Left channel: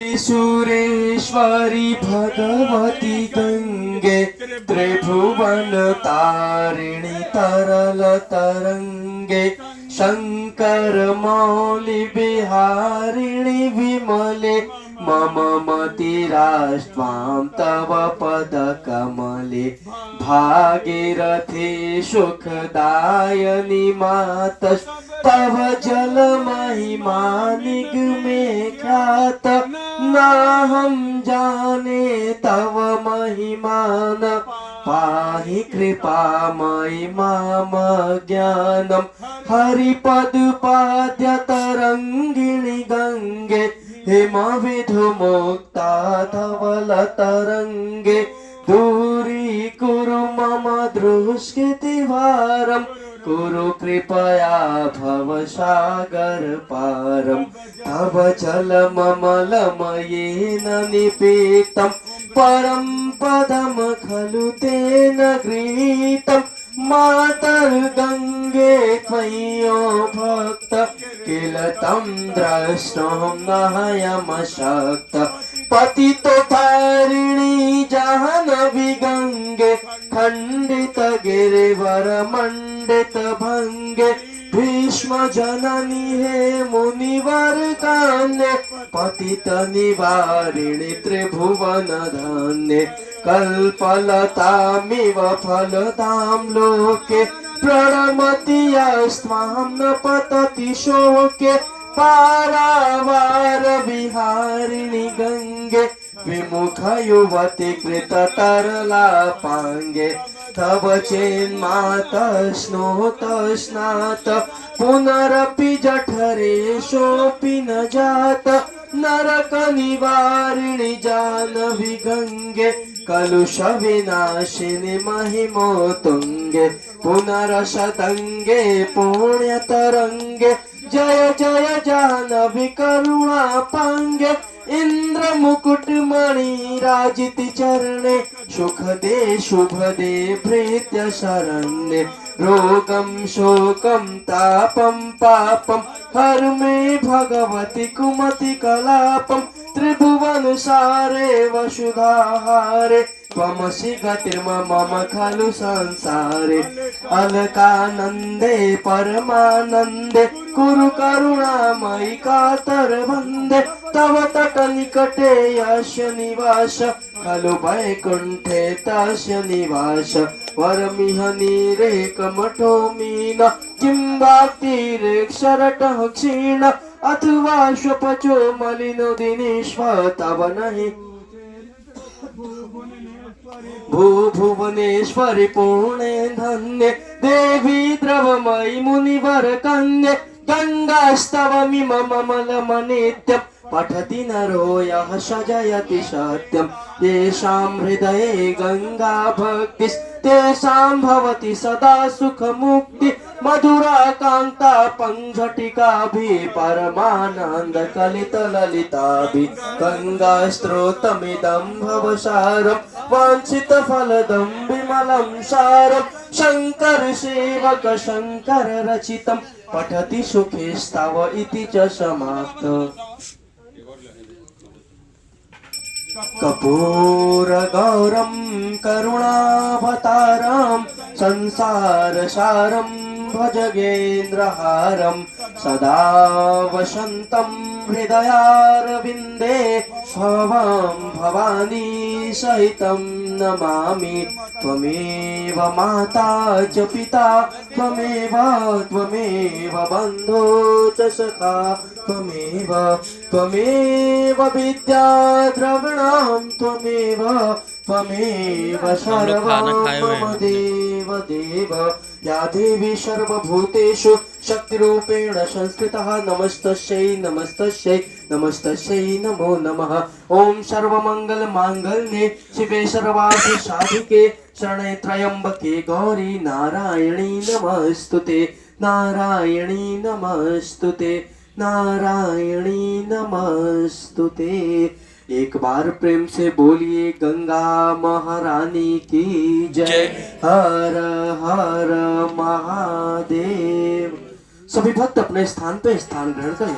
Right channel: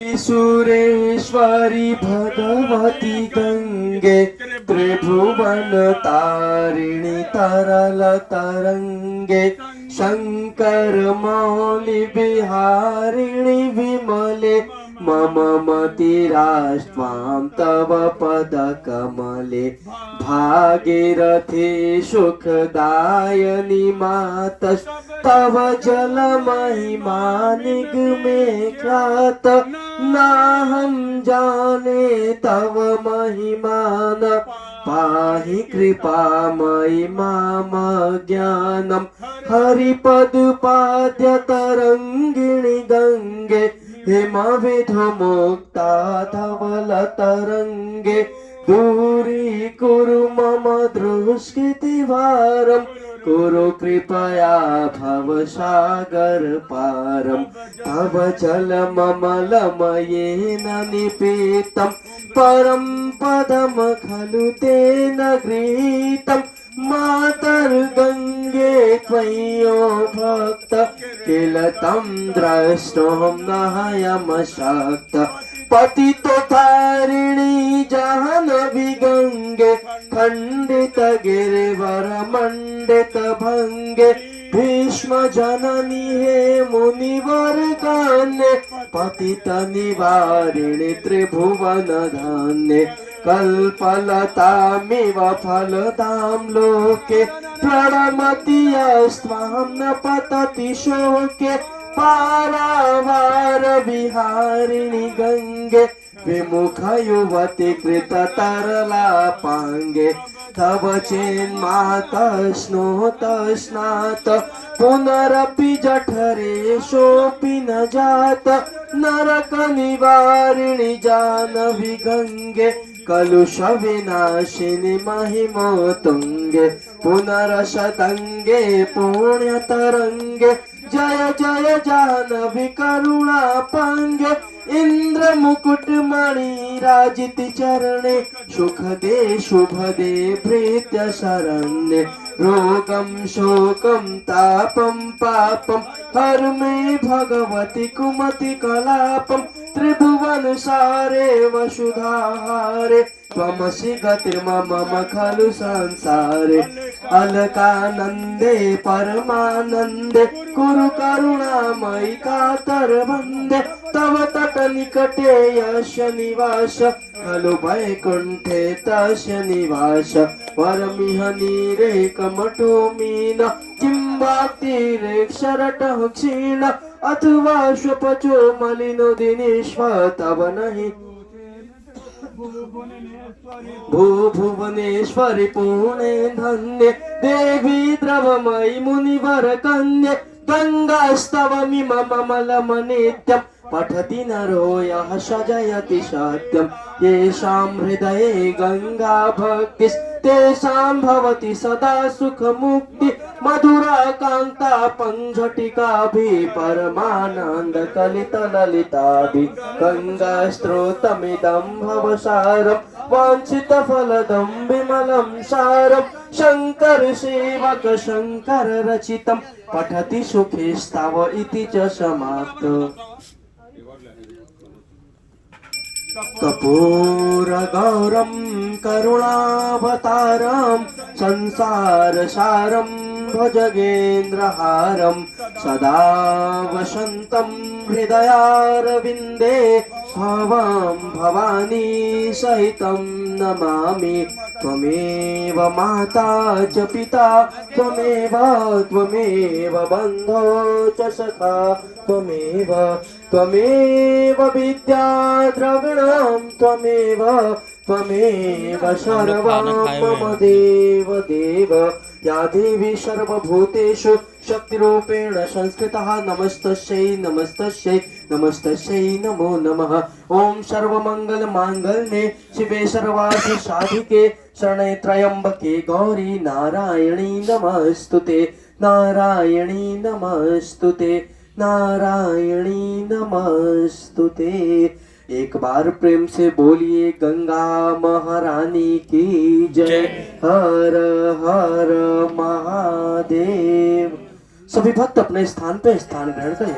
सुरेश्वरी भगवती गंगे त्रिभुवन तारिणी तरल तरंगे शंकर मौली बिहारिणी विमले मम मतिराष्ट्वां तव पद कमले भागीरथी सुखदायनी मातस् तव जल महिमा निगमे ख्यात नाहं जाने तव महिमान पाहि कृपामयि माम ज्ञानम हरिपद पाद्य तरंगिणी गंगे हिमविधुमुक्ता धवल तरंगे दूरी कुरु मम दुष्कृतिभारम कुरु कृपया भव सागर पारम तव जलममलमयेन निपीतं परम पदम खलु तेन गृहीतं मातर्गंगे त्वय्यो भक्त किल तं द्रष्टुं नायमशक्त पतितोद्धारिणी जाह्नवी गंगे खंडित गिरिवर मंडित भंगे भीष्म जननी हे मुनिवर कान्ये पतित निवारिणी त्रिभुवन धान्ये कल्पलतामिव फलदां लोके प्रणमति यस्त्वां न पतति शोके पारावार विहारिणी गंगे विमुख युवती कृत तरला पांगे तव चेन्मातश्नोत स्नात पुनरपि जठरे शोपि न जात नरक निवारिणी जानवी गंगे कलुष विनाशिनी महिमोतुंगे पुनरशतंगे पुण्य तरंगे जय जय जाह्नवी करुणा पांगे इंद्र मुकुट मणि राजिति चरणे सुख दे शुभ दे प्रीत्य शरण्ये रोगम शोकम तापम पापम हर मे भगवती कुमति कलापम त्रिभुवन सारे वसुधाहारे त्वमसि गतिर्मम खलु संसारे अलकानंदे परमानंदे कुरु करुणामयि कातर वंदे तव तट निकटे यस्य निवास खलु वैकुंठे तस्य निवास वरमिह नीरे कमठो मीन चिंबातीरे क्षरटः क्षीण अथवा स्वपचो मलिनो दिनेश्वर तव नहि भुवनेश्वरी पुणे धन्ये देवी द्रवमयि मुनिवर कन्ये गंगास्तवमिममलमनित्यं पठति नरो यः सजयति सत्यं येषां हृदये गंगा भक्तिस्तेषां भवति सदा सुखमुक्ति मधुरा कांता पंजटिकाभिः परमानंद कलित ललिताभिः गंगा स्त्रोतमिदं भवसारं वाञ्छित फलदं विमलं सारं शंकर सेवक शंकर रचितं पठति सुखेस्तव इति च समाप्त कपूर गौरम करुणावतारम संसार सारम भजगेन्द्रहारम सदा वसंतं हृदयारविंदे भवां भवानी सहितं नमामि त्वमेव माता च पिता त्वमेव बन्धो च सखा त्वमेव विद्या द्रविणां त्वमेव सर्वं मम देव देव या देवी सर्वभूतेषु शक्तिरूपेण संस्थितः नमस्तस्यै नमो नमः ओम सर्वमंगल मांगल्ये शिवे सर्वार्थ साधिके शरणे त्र्यंबके गौरी नारायणी नमस्तुते नारायणी नमस्तुते नारायणी नमस्तुते। एक बार प्रेम से बोलिए गंगा महारानी की जय। हर हर महादेव। सभी भक्त अपने स्थान पे स्थान ग्रहण करें।